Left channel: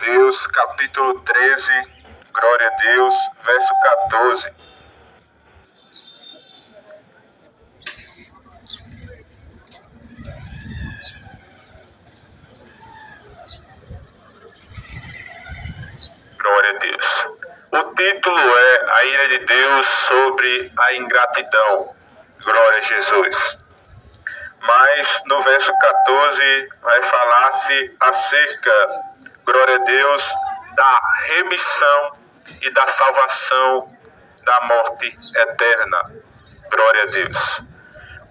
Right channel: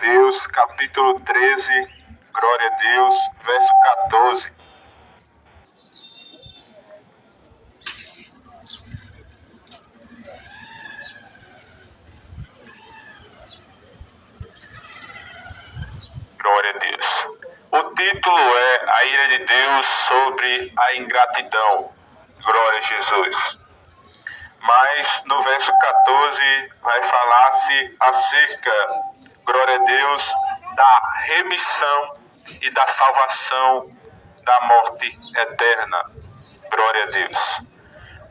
Deus, capítulo 13, glória a Deus, verso 14. Glória a Deus. O título é A Ira de Deus sobre a Ingratidão. Glória a Jesus. Mas no verso 14 vai falar-se acerca, glória a Deus, da remissão e da salvação da morte eterna. Glória a Deus.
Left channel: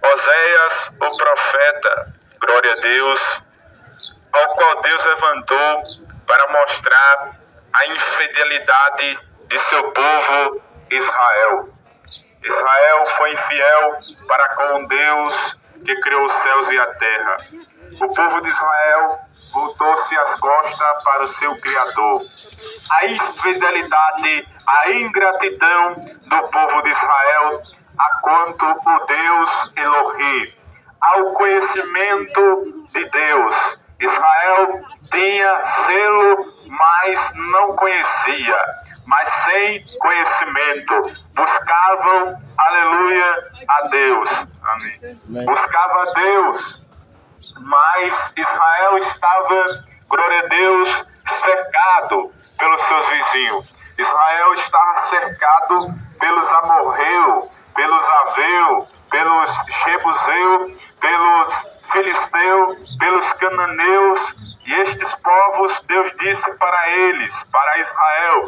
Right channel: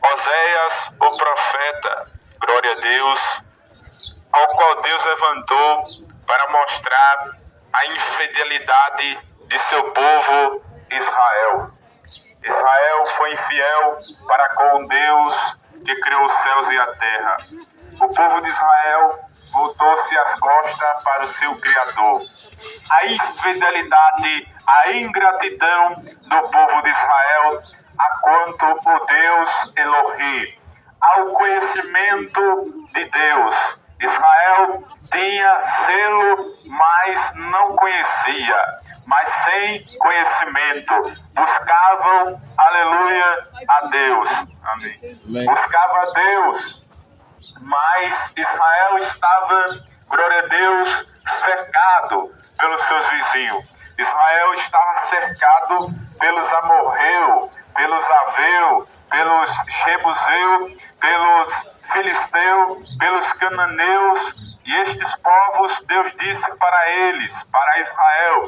Oséias, o profeta, glória a Deus, ao qual Deus levantou para mostrar a infidelidade de seu povo Israel. Israel foi infiel para com Deus que criou os céus e a terra. O povo de Israel voltou-se as costas para o seu Criador. A infidelidade, a ingratidão do povo de Israel a quanto o Deus Elohim, ao conhecimento de Deus. Israel tinha selo, mas não conhecia, mas sem conhecimento. Buscavam, aleluia, a Deus. Amém. Buscava a Deus, mas Israel estava, glória a Deus, cercado pelos seus vizinhos. Israel estava cercado pelos amorreus, pelos aveus, pelos jebuseus, pelos filisteus, pelos cananeus, e estes povos, Deus disse para eles, para Israel:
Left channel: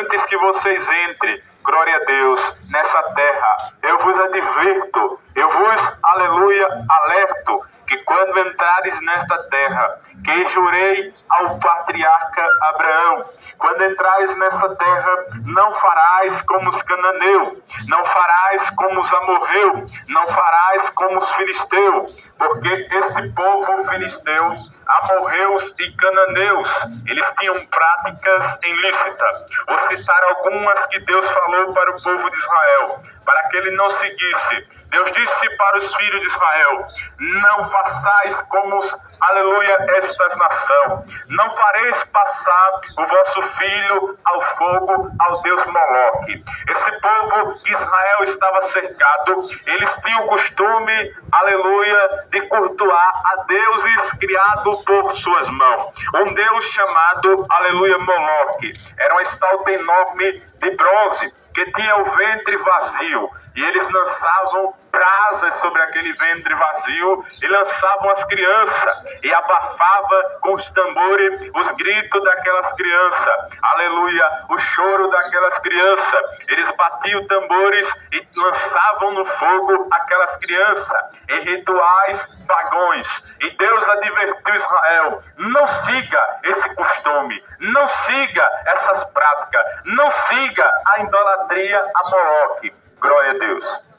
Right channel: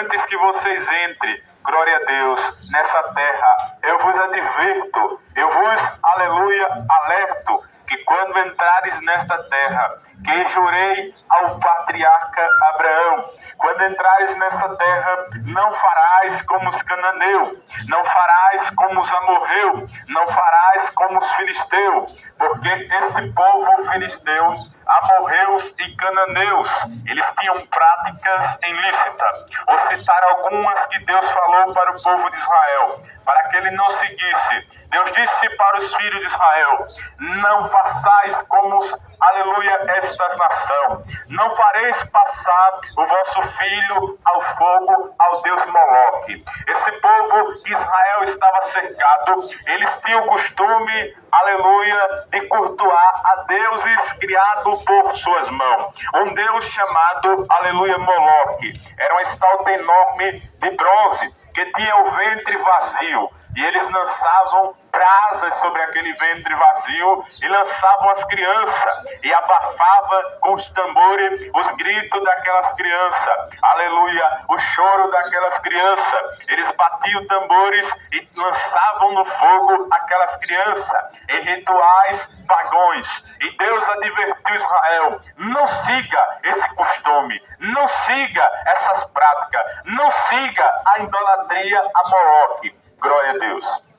antes que vocês entrem, glória a Deus, nessa terra, eu vos advirto, eu vos, aleluia, alerto, que quando entrares nesta terra, que jurei ao patriarca Abraão, quando entrares nesta terra, não farás como os cananeus, não farás como os amorreus, não farás como os filisteus, porque esse povo filisteu, amorreus e cananeus, eles tinham práticas ilícitas. Vou citar algumas que Deus falou para o povo de Israel, para que ele não seguisse. Deus disse para os filhos de Israel: não façais como aleluia, estas nações. Não fareis passar o vosso filho ao fogo, ao Deus Moloque. Esse povo de Israel estava cercado. Eles tinham o costume, aleluia, de cultuar a deuses criados por suas mãos. Um Deus chamado, aleluia, Moloque. Era uma estátua enorme de bronze que tinha o ventre vazio. E eles lançavam brasas sobre aquele ventre vazio e lançavam as crianças e abafava com os tambores os gritos daquelas crianças, aleluia, o choro daquelas crianças. Eles batiam tambores e lançavam no fogo aquelas crianças em rituais pagãos. E Deus advertiu Israel: não siga esse costume, não siga essas práticas, não siga a idolatria a Moloque. Glória a Deus.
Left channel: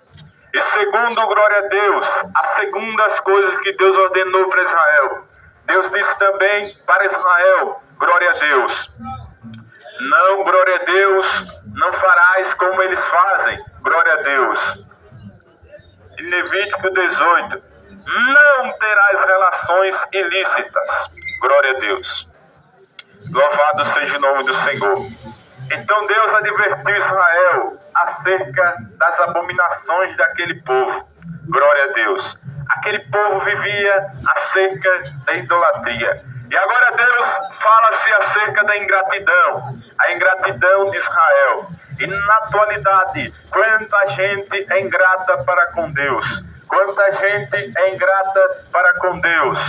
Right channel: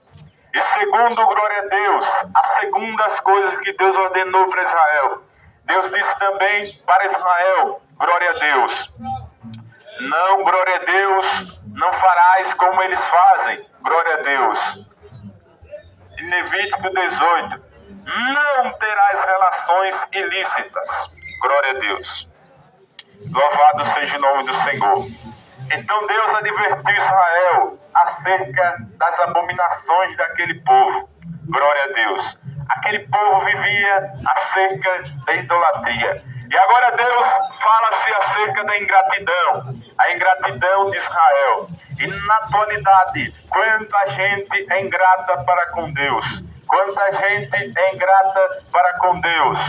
E segundo, glória a Deus, as segundas coisas que Deus ordenou para Israel. Deus disse também para Israel, glória a Deus: não, glória a Deus, não farás como eles fazem, glória a Deus. Em Levítico 18, não terás relações ilícitas, glória a Deus. Louvado seja o nome do Senhor. Então Deus advertiu Israel acerca das abominações daquele povo. Glória a Deus. Aquele povo vivia acerca da idolatria. E agora Deus fala-se acerca da ingratidão. A ingratidão de Israel. E na atualidade, quanta gente é ingrata para com Deus. Quanta gente é ingrata para com Deus.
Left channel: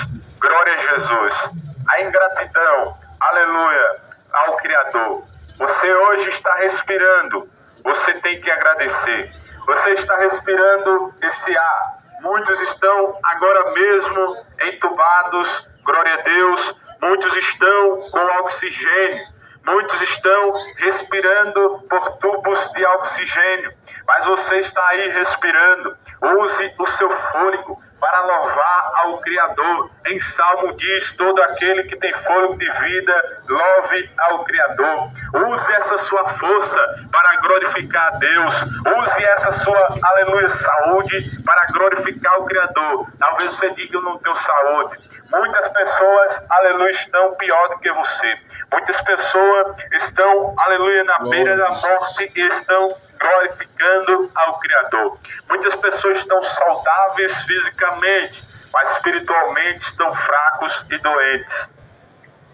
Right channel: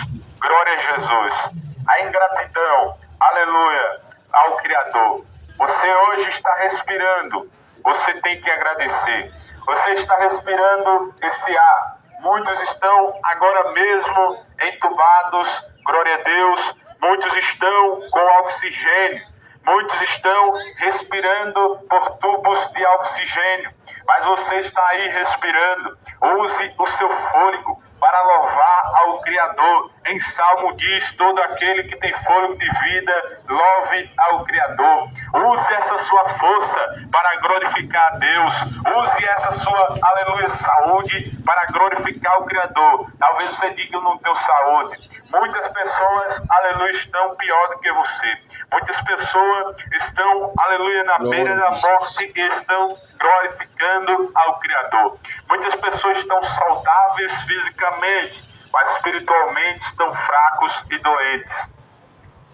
Glória a Jesus. A ingratidão, aleluia, ao Criador. Você hoje está respirando, você tem que agradecer. Você está respirando esse ar. Muitos estão agora mesmo entubados, glória a Deus. Muitos estão com oxigênio. Muitos estão respirando por tubos de oxigênio. Mas você está aí respirando. Use o seu fôlego para louvar ao Criador. Em Salmo diz: todo aquele que tem fôlego de vida, louve ao Criador. Use essa sua força para glorificar a Deus. Use essa sua, aleluia, saúde para glorificar o Criador. Talvez você diga: eu não tenho saúde. Muitas pessoas, aleluia, estão pior do que você. Muitas pessoas estão, aleluia, na beira da morte e estão glorificando ao Criador. Muitas pessoas estão saudáveis fisicamente, mas espiritualmente estão fracos e doentes.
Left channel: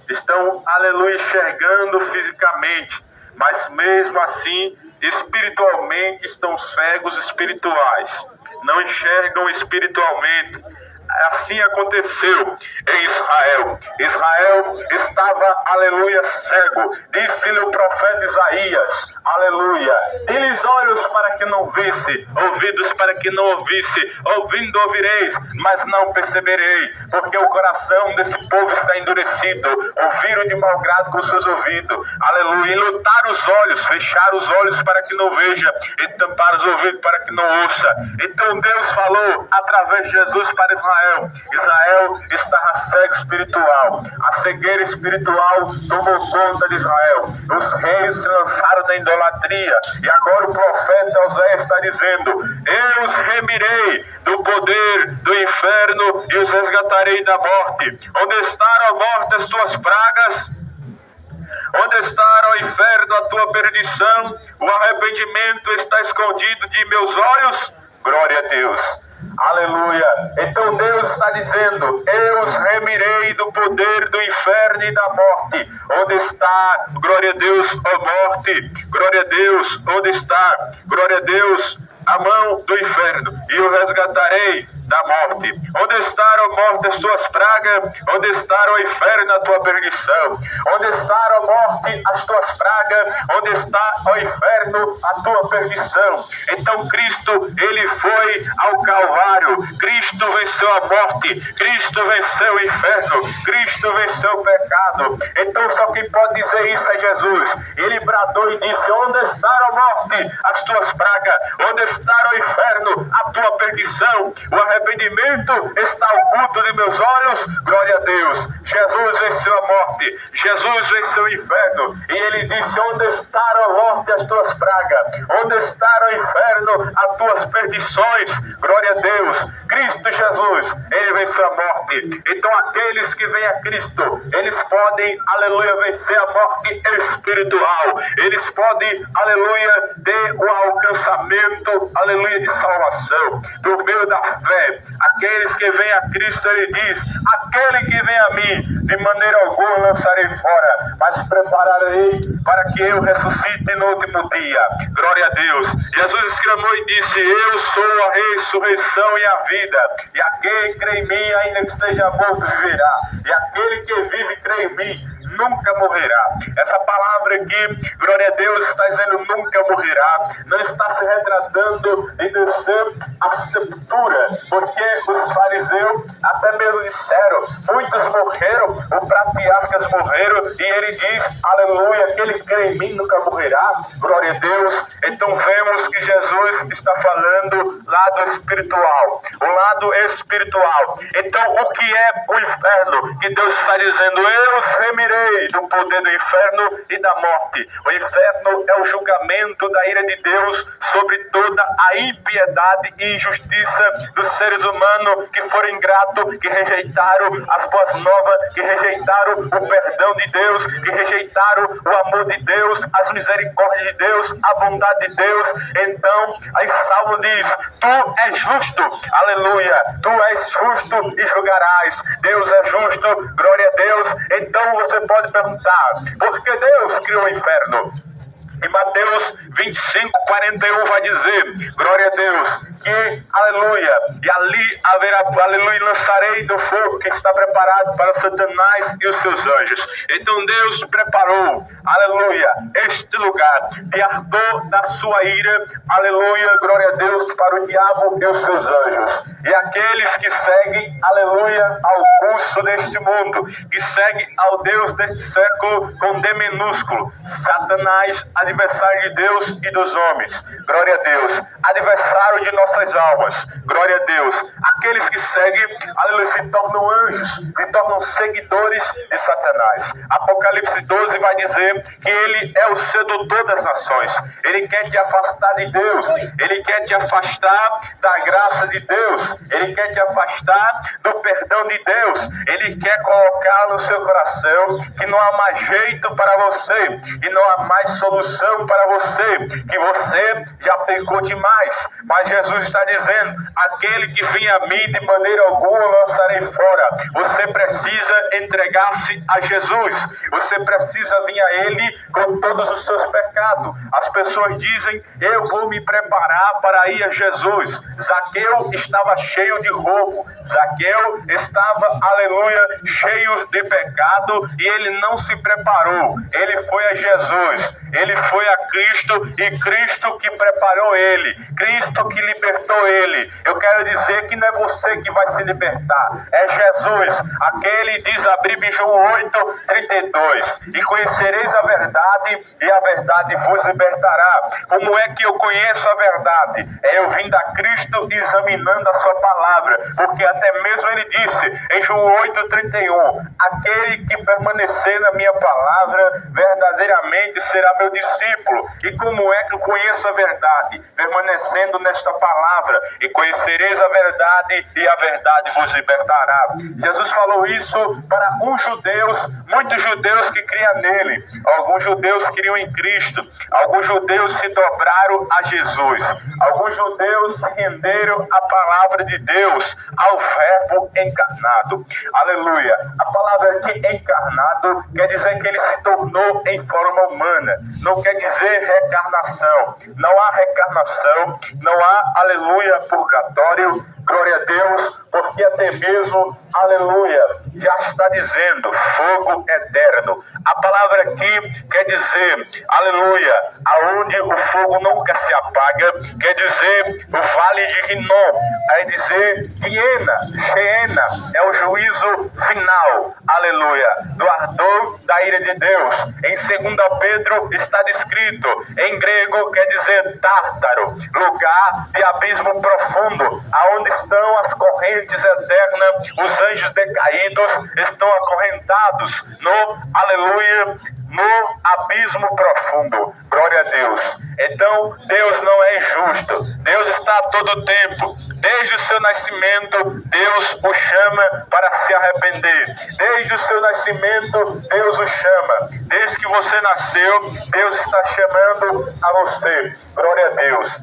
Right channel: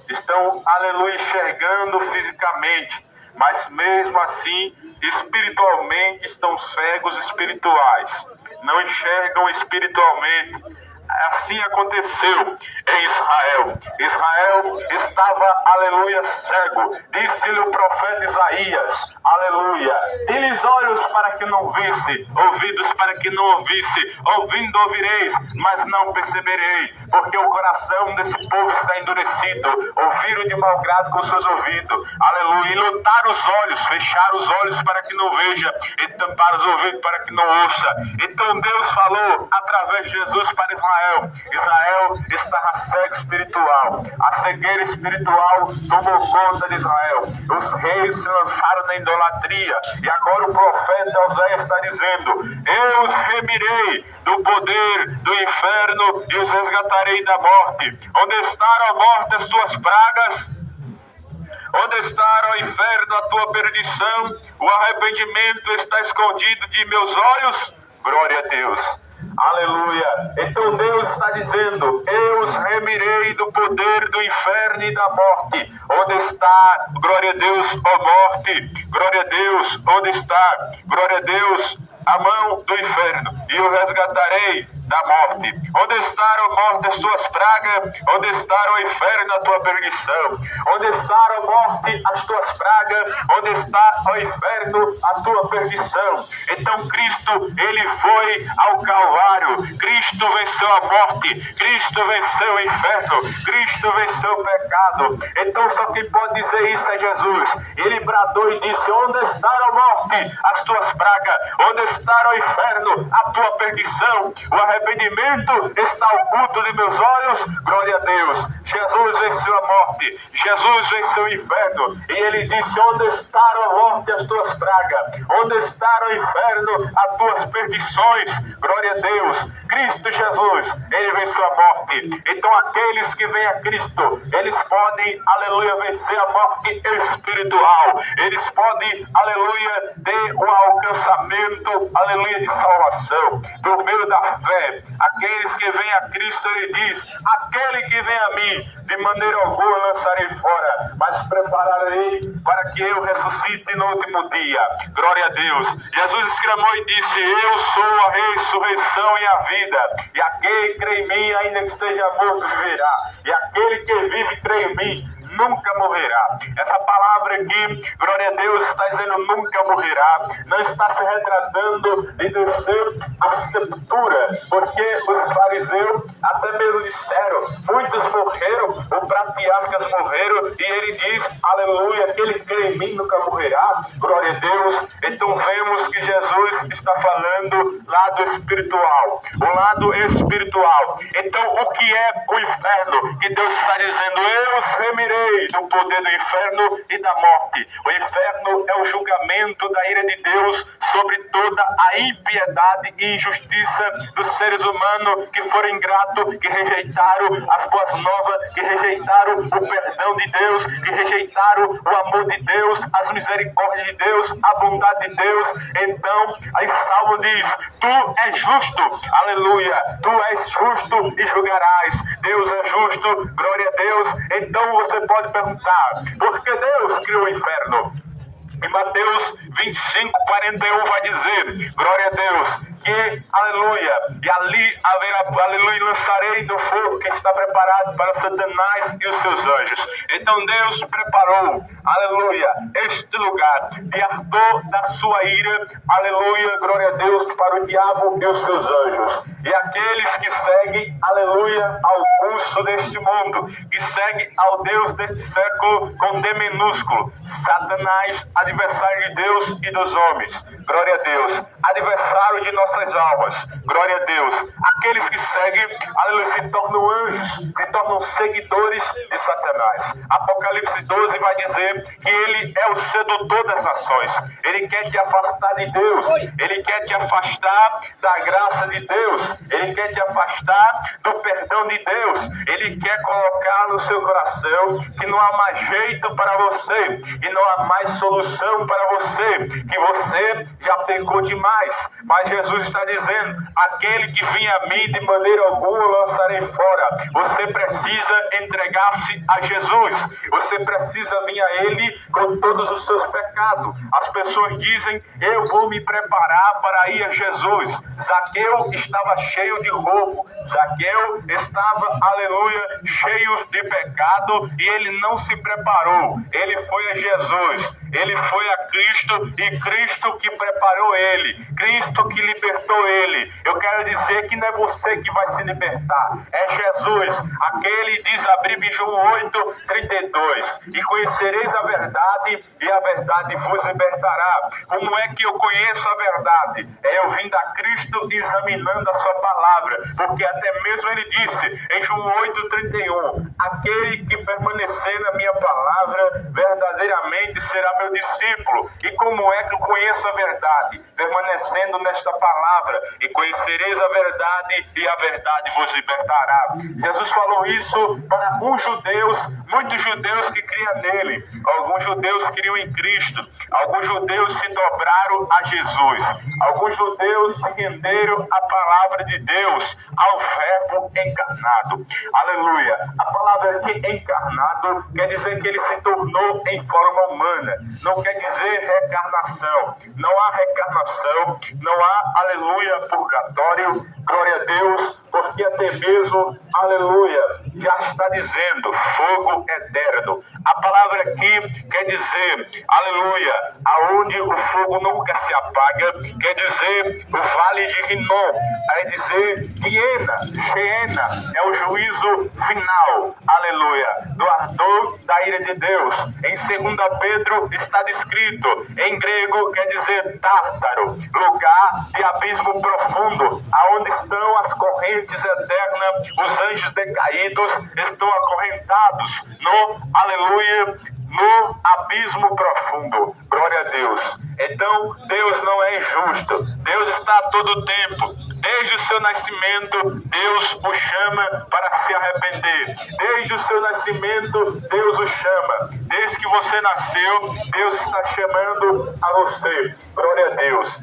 Estão, aleluia, enxergando fisicamente, mas mesmo assim, espiritualmente estão cegos espirituais. Não enxergam espiritualmente. Assim aconteceu em Israel. Israel estava, aleluia, cego. Disse-lhe o profeta Isaías, aleluia: dê-lhes olhos para que não visse, ouvidos para que não ouvisse, ouvindo ouvireis, mas não perceberei, porque o coração desse povo está endurecido. Ouviram de mau grado com seus ouvidos, aleluia, e lutar os olhos, fechar os olhos para que não veja, e tampar os ouvidos para que não ouça. Então Deus falou através de Jesus para Israel. Israel estava cego espiritual. A cegueira espiritual tomou conta de Israel. Os reis se lançaram na idolatria. E agora o profeta Oséias está dizendo: eu os remirei do poder do inferno e os resgatarei da morte. Onde está, ó morte, as tuas pragas? Onde está, ó inferno, a tua perdição? O arrependimento está escondido de meus olhos? Glória a Deus. Aleluia. Então Deus está dizendo: eu os remirei do poder do inferno e da morte. Onde está, glória a Deus, ó morte? Glória a Deus. Onde está, glória a Deus, a mão do inferno? E o resgatarei da morte. Onde está, ó morte, as tuas pragas? Onde está, ó inferno, a tua perdição? Onde está, ó morte, as tuas pragas? Onde está, ó inferno, a tua perdição? Então Cristo, ele foi ao Calvário. Cristo venceu a morte. Cristo venceu o inferno. Cristo venceu o pecado. Então só quem pode dizer isso é Jesus. Ele bradou e disse: onde está, ó morte, as tuas pragas? Onde está, ó inferno, a tua perdição? O arrependimento está oculto de meus olhos. Glória a Deus. Jesus venceu a morte. Jesus venceu o inferno. E ele disse: onde está, ó morte, as tuas pragas? Onde está, ó inferno, as tuas perdições? Glória a Deus. Cristo Jesus, ele venceu a morte. Então aqueles que vêm a Cristo, eles podem, aleluia, vencer a morte espiritual. Eles podem, aleluia, ter o alcançamento, aleluia, de salvação por meio da fé. Aqueles que vêm a Cristo, ele diz: aquele que vem a mim, de maneira alguma lançarei fora, mas prepararei para que eu ressuscite no último dia. Glória a Deus. Jesus exclamou e disse: eu sou a ressurreição e a vida. E aquele que crê em mim, ainda que esteja morto, viverá. E aquele que vive e crê em mim, nunca morrerá. Essa palavra aqui, glória a Deus, está dizendo nunca morrerá. Não está se retratando de descer a sepultura, porque os fariseus até mesmo disseram: muitos morreram, os patriarcas morreram, e ele diz, aleluia, aquele que crê em mim nunca morrerá. Glória a Deus. Então vemos que Jesus está falando lado espiritual, o lado espiritual. Então o que é o inferno? Que Deus está dizendo: eu os remirei do poder do inferno e da morte. O inferno é o julgamento da ira de Deus sobre toda a impiedade e injustiça dos seres humanos que foram ingratos, que rejeitaram as boas novas, que rejeitaram o perdão de Deus, que rejeitaram o amor de Deus, as misericórdias de Deus, a bondade de Deus. Então, aí Salmo diz: tu és justo, aleluia, tu és justo e julgarás. Deus é justo, glória a Deus. Então você pode perguntar: por que Deus criou o inferno? Em Mateus 25, 41 vai dizer, glória a Deus, que, aleluia, e ali haverá, aleluia, lançarei do fogo que está preparado para Satanás e os seus anjos. Então Deus preparou, aleluia, este lugar de ardor da sua ira, aleluia, glória a Deus, para o diabo e os seus anjos. E aqueles que seguem, aleluia, ao curso deste mundo, que seguem ao Deus deste século com D minúsculo, Satanás, adversário de Deus e dos homens. Glória a Deus. Adversário de nossa nossas almas. Glória a Deus. Aqueles que seguem, aleluia, se tornam anjos, se tornam seguidores de Satanás. Apocalipse 12 vai dizer que ele é o sedutor das nações. Ele quer te afastar de Deus. Ele quer te afastar da graça de Deus. Ele quer te afastar do perdão de Deus. Ele quer colocar no seu coração que não há mais jeito para você, e não há mais solução para você, que você já pecou demais. Mas Jesus está dizendo: aquele que vem a mim, de maneira alguma lançarei fora. Você precisa entregar-se a Jesus. Você precisa vir a Ele com todos os seus pecados. As pessoas dizem: eu vou me preparar para ir a Jesus. Zaqueu estava cheio de roubo. Zaqueu estava, aleluia, cheio de pecado, e ele não se preparou. Ele foi a Jesus. Ele foi a Cristo, e Cristo que preparou ele. Cristo que libertou ele. Eu quero dizer que não é você que vai se libertar. É Jesus. Aquele diz, abrir João 8:32. E conhecereis a verdade, e a verdade vos libertará. Como é que eu conheço a verdade? É eu vindo a Cristo examinando a sua palavra. Porque até mesmo ele disse em João 8:31, aquele que permanecer na minha palavra verdadeiramente será meu discípulo. E como é que eu conheço a verdade? Permanecendo nesta palavra. E conhecereis a verdade, e a verdade vos libertará. Jesus falou isso para uns judeus, muitos judeus que criam nele. Alguns judeus criam em Cristo. Alguns judeus se dobraram a Jesus. Alguns judeus se renderam à palavra de Deus, ao verbo encarnado. Aleluia. A palavra aqui encarnado quer dizer que ele se tornou em forma humana. Não quer dizer reencarnação. Não há reencarnação. Não há, aleluia, purgatório. Glória a Deus. Porque até mesmo, aleluia, já está dizendo fogo eterno. A palavra aqui quer dizer, aleluia, aonde o fogo nunca se apaga. Quer dizer o vale de Rinom. Quer dizer Geena é o juízo final, aleluia, do ardor da ira de Deus. Em 2 Pedro está descrito, em grego quer dizer Tártaro, lugar de abismo profundo, aonde estão as correntes eternas. Os anjos decaídos estão acorrentados no, aleluia, no abismo profundo. Glória a Deus. Então, Deus não é injusto. Deus está a todo tempo. Desde o seu nascimento, Deus o chama para se arrepender. Desde o seu nascimento, Deus o chama. Desde que você nasceu, Deus está chamando a você. Glória a Deus.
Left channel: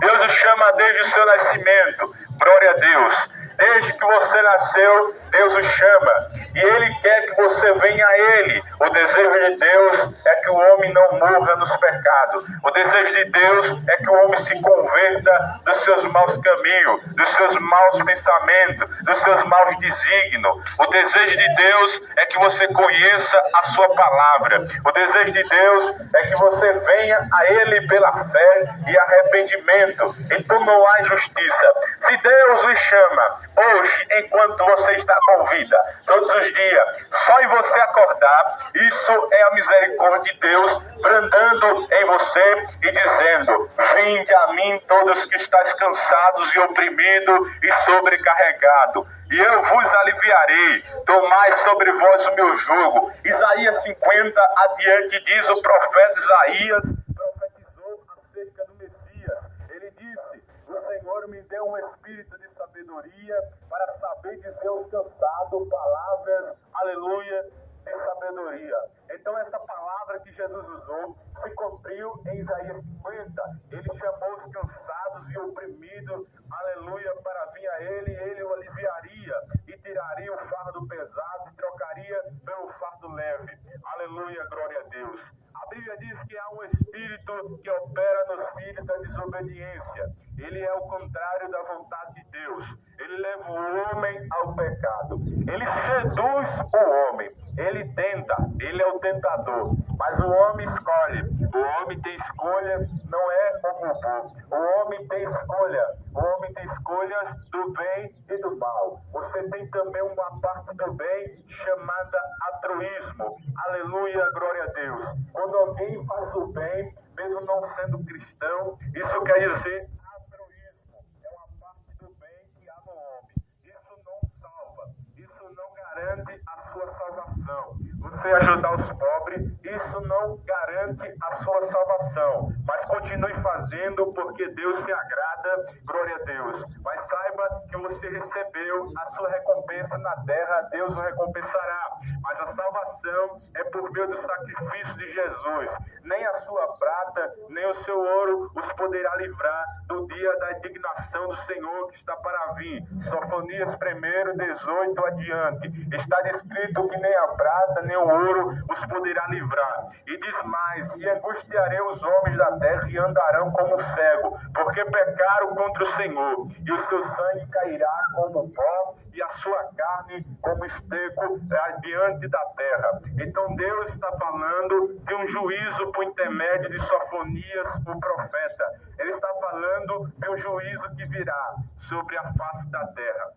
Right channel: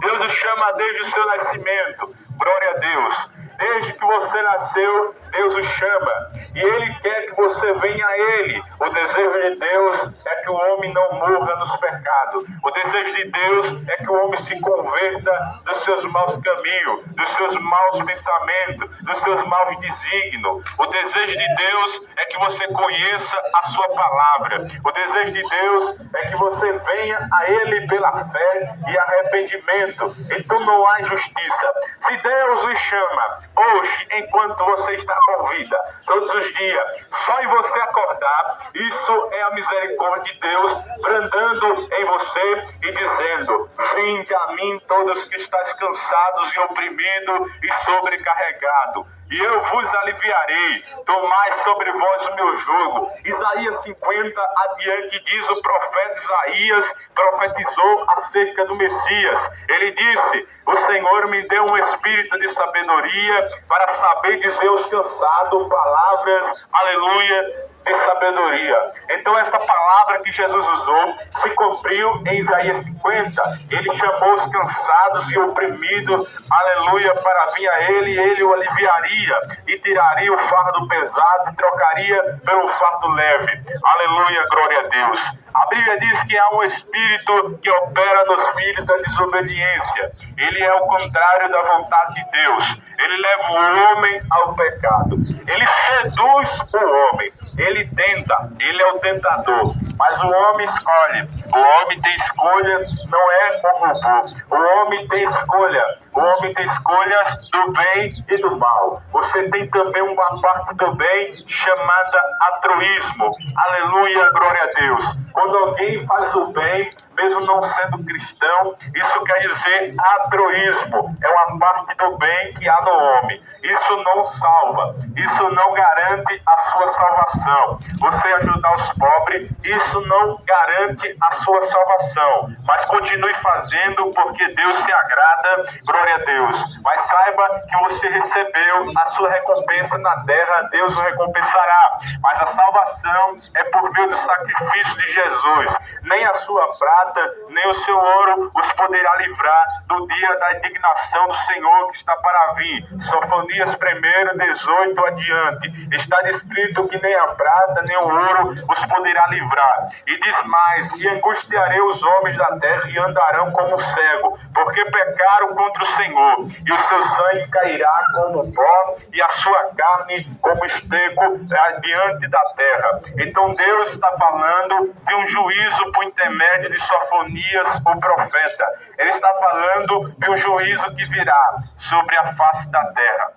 Deus o chama desde o seu nascimento. Glória a Deus. Desde que você nasceu, Deus o chama. E Ele quer que você venha a Ele. O desejo de Deus é que o homem não morra nos pecados. O desejo de Deus é que o homem se converta dos seus maus caminhos, dos seus maus pensamentos, dos seus maus desígnios. O desejo de Deus é que você conheça a sua palavra. O desejo de Deus é que você venha a Ele pela fé e arrependimento. Então não há injustiça. Se Deus lhe chama hoje, enquanto você está com vida, todos os dias, só em você acordar, isso é a misericórdia de Deus brandando em você e dizendo: vinde a mim todos que estáis cansados e oprimidos e sobrecarregados, e eu vos aliviarei. Tomai sobre vós o meu jugo. Isaías 50 adiante diz, o profeta Isaías profetizou acerca do Messias. Ele disse: o Senhor me deu um espírito de sabedoria para saber dizer aos cansados palavras, aleluia, de sabedoria. Então esta palavra que Jesus usou se cumpriu em Isaías 50. Ele chamou os cansados e oprimidos, aleluia, para vir a Ele, e Ele o aliviaria e tiraria o fardo pesado e trocaria pelo fardo leve. Aleluia, glória a Deus. A Bíblia diz que há um espírito que opera nos filhos da desobediência. Ele é o contrário da vontade de Deus. Ele leva o homem ao pecado. Ele seduz o homem. Ele tenta. Ele é o tentador. Mas o homem escolhe. O homem tem escolha, não é o robô. O homem tem escolha. O homem tem escolhas do bem e do mal. Você tem também uma parte do bem chamada altruísmo. Aleluia, glória a Deus. Quando alguém faz o bem, mesmo não sendo cristão. Isso quer dizer altruísmo, é uma parte do bem que há no homem. Isso não salva, isso não garante a sua salvação. Você ajudar os pobres, isso não garante a sua salvação. Mas continue fazendo porque Deus se agrada, glória a Deus. Mas saiba que você recebeu a sua recompensa na terra, Deus o recompensará. Mas a salvação é por meio do sacrifício de Jesus. Nem a sua prata, nem o seu ouro os poderá livrar do dia da indignação do Senhor que está para vir. Sofonias 1:18 adiante. Está descrito que nem a prata, nem o ouro os poderá livrar. E diz mais: e angustiarei os homens da terra e andarão como cego, porque pecaram contra o Senhor, e o seu sangue cairá como pó, e a sua carne como esterco diante da terra. Então Deus está falando de um juízo por intermédio de Sofonias, o profeta. Ele está falando de um juízo que virá sobre a face da terra.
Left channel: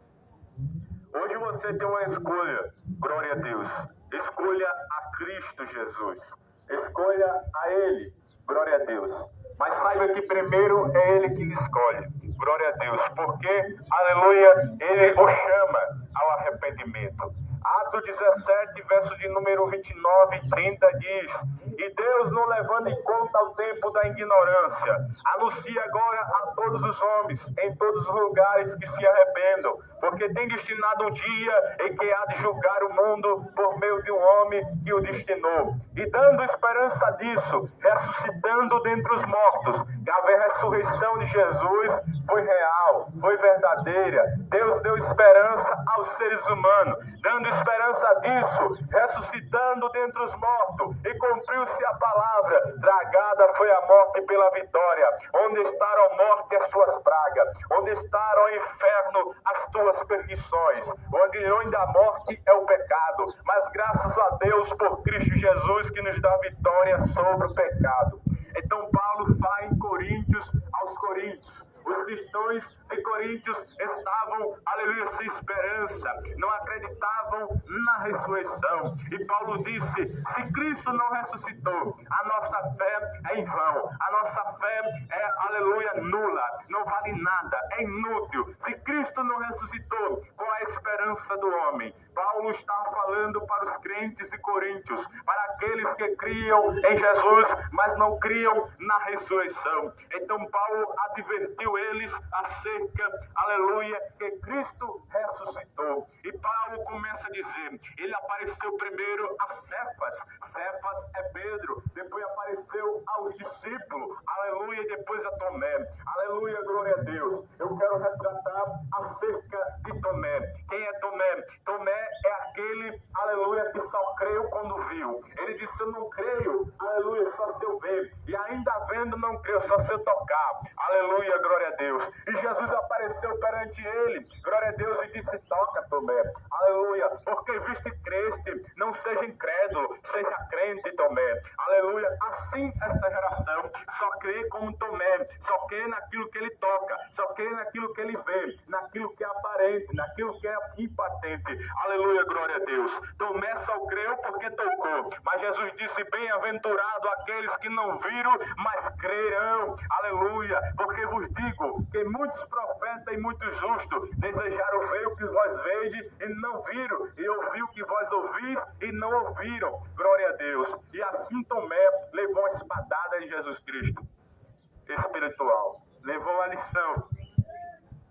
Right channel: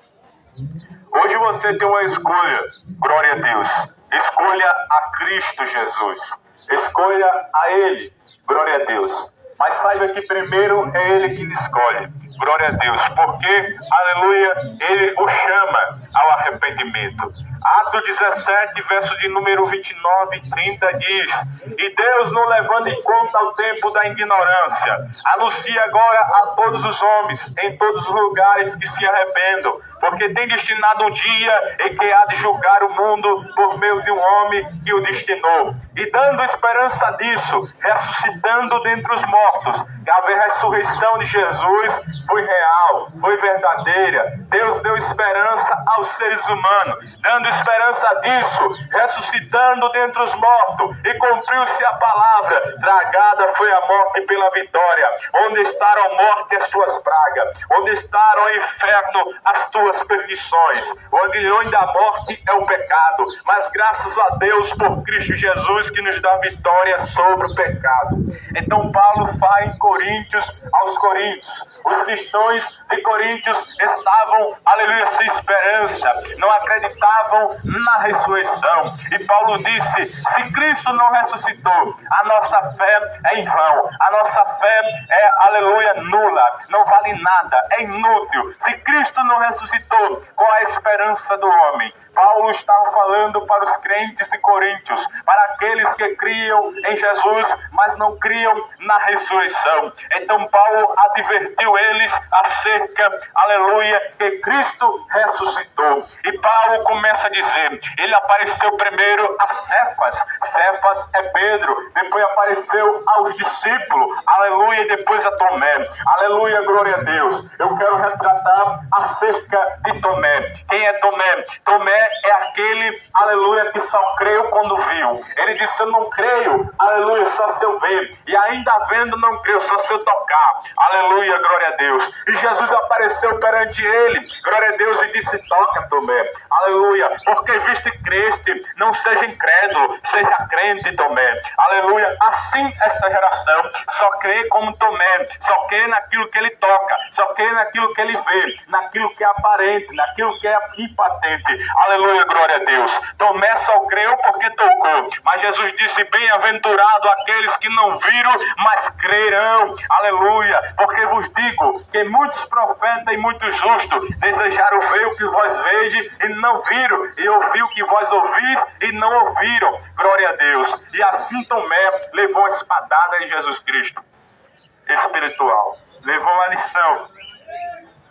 Hoje você tem uma escolha, glória a Deus. Escolha a Cristo Jesus. Escolha a Ele, glória a Deus. Mas saiba que primeiro é Ele que lhe escolhe, glória a Deus, porque, aleluia, Ele o chama ao arrependimento. Atos 17, verso de número 29 e 30 diz: e Deus, não levando em conta o tempo da ignorância, anuncia agora a todos os homens, em todos os lugares, que se arrependam, porque tem destinado um dia em que há de julgar o mundo por meio de um homem que o destinou. E dando esperança disso, ressuscitando dentre os mortos, a ressurreição de Jesus foi real, foi verdadeira. Deus deu esperança aos seres humanos, dando esperança disso, ressuscitando dentre os mortos, e cumpriu-se a palavra: tragada foi a morte pela vitória. Onde estará a morte as tuas pragas? Onde estará o inferno as tuas perdições? O aguilhão da morte é o pecado, mas graças a Deus por Cristo Jesus, que nos dá vitória sobre o pecado. Então Paulo fala em Coríntios aos Coríntios. Os cristãos de Coríntios estavam, aleluia, sem esperança, não acreditavam na ressurreição. E Paulo disse: se Cristo não ressuscitou, a nossa fé é em vão, a nossa fé é, aleluia, nula, não vale nada, é inútil. Se Cristo não ressuscitou, qual é a esperança do homem? Paulo estava falando para os crentes de Coríntios, para aqueles que criam em Jesus, mas não criam na ressurreição. Então Paulo advertiu eles acerca, aleluia, que Cristo ressuscitou. E Paulo começa a dizer, ele apareceu primeiro a Cefas. Cefas é Pedro, depois apareceu aos discípulos, aleluia, e depois a Tomé. Aleluia, glória a Deus. Eu quero retratar acerca de Tomé. Quem é Tomé? Tomé é aquele, aleluia, que só creu quando viu. Ele disse: eu não creio, aleluia, só se eu ver. E ainda vendo, não creio, só se eu tocar. Aleluia, glória a Deus. E Jesus apareceu perante ele, glória a Deus, e disse: toca, Tomé. Aleluia, porque viste e creste, não seja incrédulo, seja crente, Tomé. Aleluia, assim essa geração só crê como Tomé, só crê naquilo que ele toca, só crê naquilo que ele vê, naquilo que é aparente, naquilo que é impatente. Aleluia, glória a Deus. Tomé só creu porque tocou, mas Jesus disse: bem-aventurado aqueles que não viram, mas crerão. Aleluia, porque vos digo que muitos profetas e muitos justos desejaram ver o que vós vedes e não viram, e ouvir o que vós ouvis e não ouviram. Glória a Deus. E assim Tomé levou a espadada em Jesus Cristo espiritual, levou uma lição.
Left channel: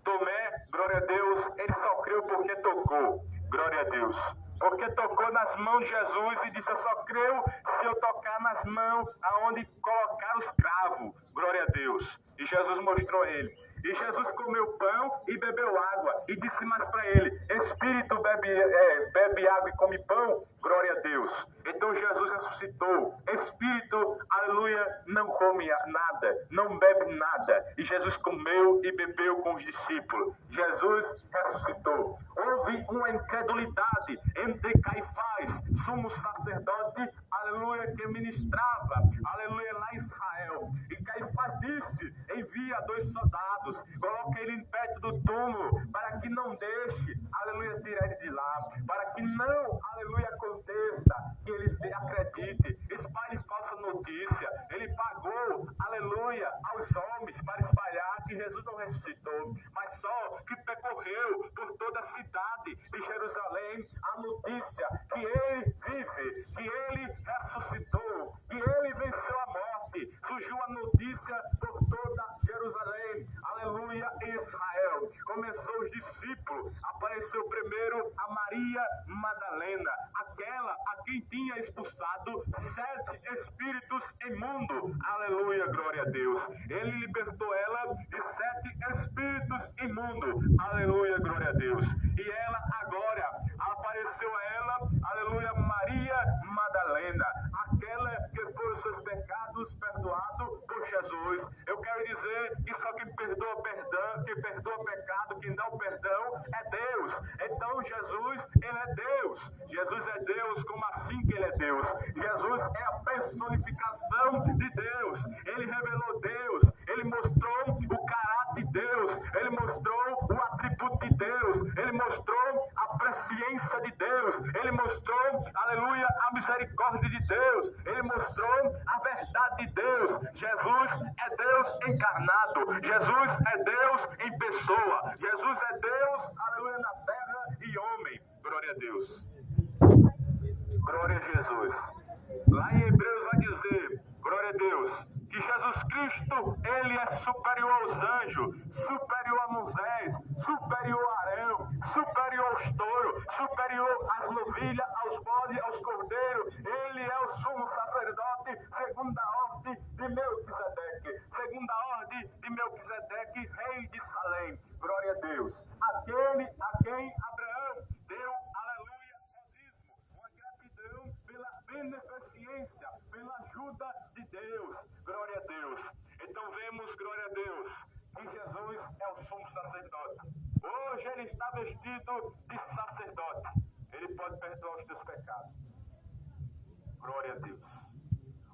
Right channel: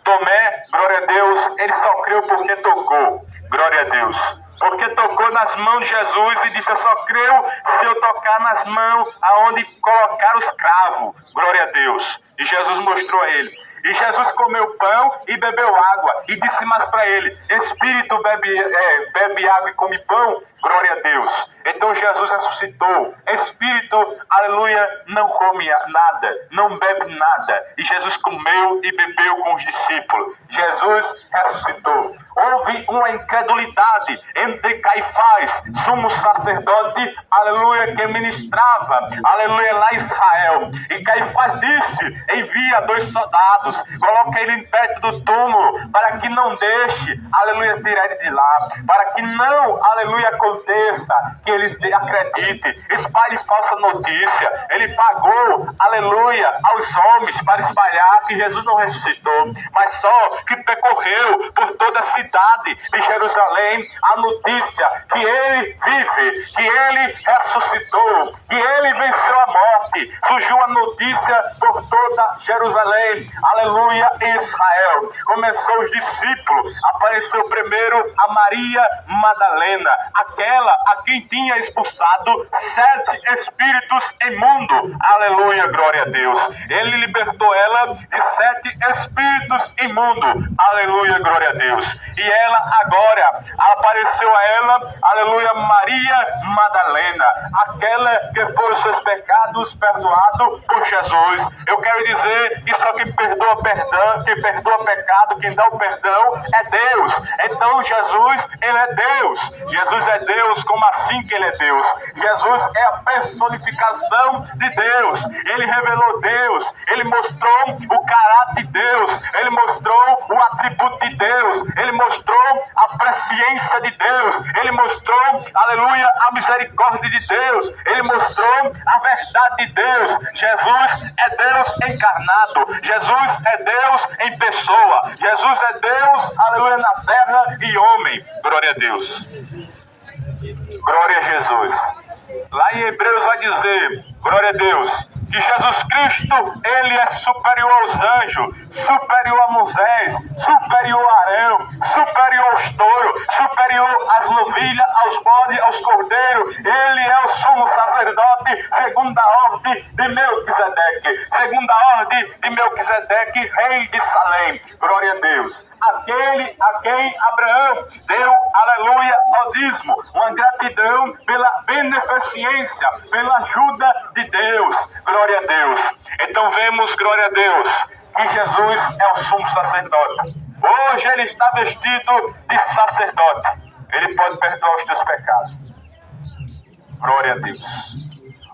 Tomé, glória a Deus, ele só creu porque tocou, glória a Deus, porque tocou nas mãos de Jesus e disse: eu só creio se eu tocar nas mãos aonde colocar os cravos, glória a Deus. E Jesus mostrou a ele. E Jesus comeu pão e bebeu água, e disse mais para ele: espírito bebe água e come pão, glória a Deus. Então Jesus ressuscitou. Espírito, aleluia, não come nada, não bebe nada. E Jesus comeu e bebeu com os discípulos. Jesus ressuscitou. Houve uma incredulidade entre Caifás, sumo sacerdote, aleluia, que ministrava, aleluia, lá em Israel. E Caifás disse: envia 2 soldados, coloca ele perto do túmulo, para que não deixe, aleluia, tirar ele de lá, para que não, aleluia, aconteça, que eles acreditem, espalhe falsa notícia. Ele pagou, aleluia, aos homens para espalhar que Jesus não ressuscitou, mas só que percorreu por toda a cidade de Jerusalém a notícia que ele vive, que ele ressuscitou, que ele venceu a morte. Surgiu a notícia por toda Jerusalém, aleluia, Israel. Começou os discípulos, apareceu primeiro a Maria Madalena, aquela a quem tinha expulsado 7 espíritos imundos, aleluia, glória a Deus. Ele libertou ela de 7 espíritos imundos, aleluia, glória a Deus. E ela agora, apareceu a ela, aleluia, Maria Madalena, aquela que foram seus pecados perdoados por Jesus. Eu quero dizer que só quem perdoa perdão, quem perdoa pecado, quem dá o perdão é Deus. Então Jesus, ele é Deus. Jesus é Deus. Como assim que ele é Deus? Jesus é a personificação de Deus. Ele revelou Deus. Ele mostrou o caráter de Deus. Ele mostrou o atributo de Deus. Ele mostrou a presciência de Deus. Ele mostrou, aleluia, a misericórdia de Deus. Ele mostrou a verdade de Deus. Jesus é Deus encarnado. Jesus é Deus em pessoa. Jesus é Deus, aleluia, na terra e homem. Glória a Deus. Glória a Jesus. Lá em Hebreus vai dizer, glória a Deus, que Jesus Cristo, ele é superior aos anjos, superior a Moisés, superior a Arão, superior aos touros, superior às novilhas, aos bodes, aos cordeiros. Ele é o sumo sacerdote segundo a ordem de Melquisedeque, segundo a ordem de Melquisedeque, rei de Salém. Glória a Deus. Aquele a quem Abraão deu, aleluia, ao dízimo, uma gratidão pela beneficência, pela ajuda de Deus. Glória a Deus. Então vemos, glória a Deus, que Jesus é o sumo sacerdote. Hoje ele está vestido de sacerdote. Ele pode perdoar os teus pecados. Glória a Deus.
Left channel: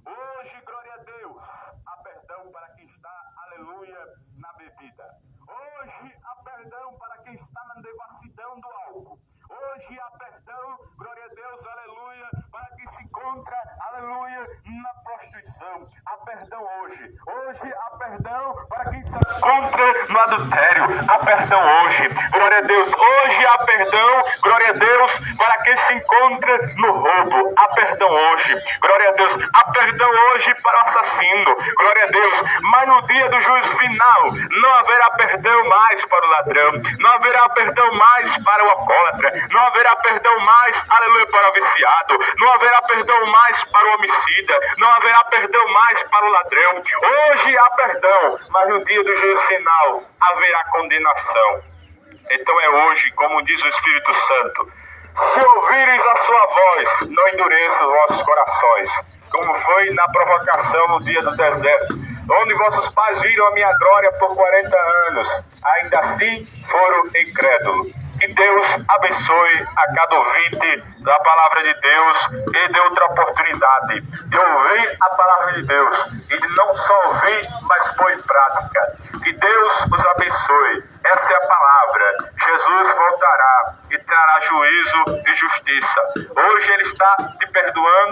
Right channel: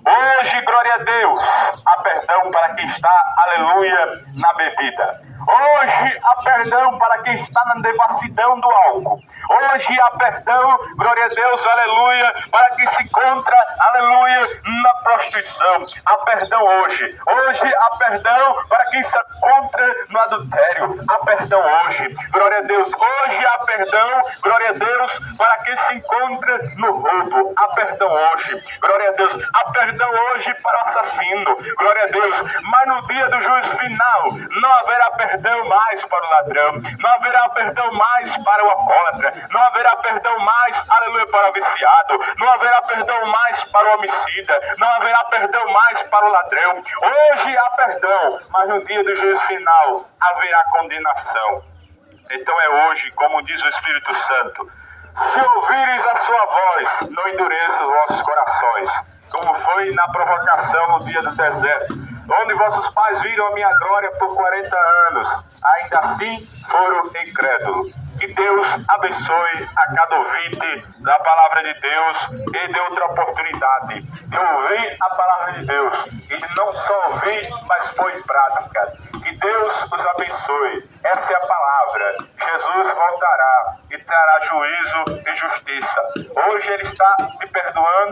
Hoje, glória a Deus, há perdão para quem está, aleluia, na bebida. Hoje há perdão para quem está na devassidão do álcool. Hoje há perdão, glória a Deus, aleluia, para quem se encontra, aleluia, na prostituição. Há perdão hoje. Hoje há perdão para quem se encontra no adultério. Há perdão hoje. Glória a Deus. Hoje há perdão, glória a Deus, para quem se encontra no roubo. Há perdão hoje. Glória a Deus. Há perdão hoje para o assassino. Glória a Deus. Mas no dia do juízo final, não haverá perdão mais para o ladrão, não haverá perdão mais para o alcoólatra, não haverá perdão mais, aleluia, para o viciado, não haverá perdão mais para o homicida, não haverá perdão mais para o ladrão. Hoje há perdão, mas no dia do juízo final haverá condenação. Então é hoje, como diz o Espírito Santo, se ouvires a sua voz, não endureça os vossos corações, como foi na provocação no dia do deserto, onde vossos pais viram a minha glória por 40 anos, ainda assim foram incrédulos. Que Deus abençoe a cada ouvinte da palavra de Deus e dê outra oportunidade de ouvir a palavra de Deus e de não só ouvir, mas pôr em prática. Que Deus os abençoe. Essa é a palavra. Jesus voltará e trará juízo e justiça. Hoje ele está te perdoando.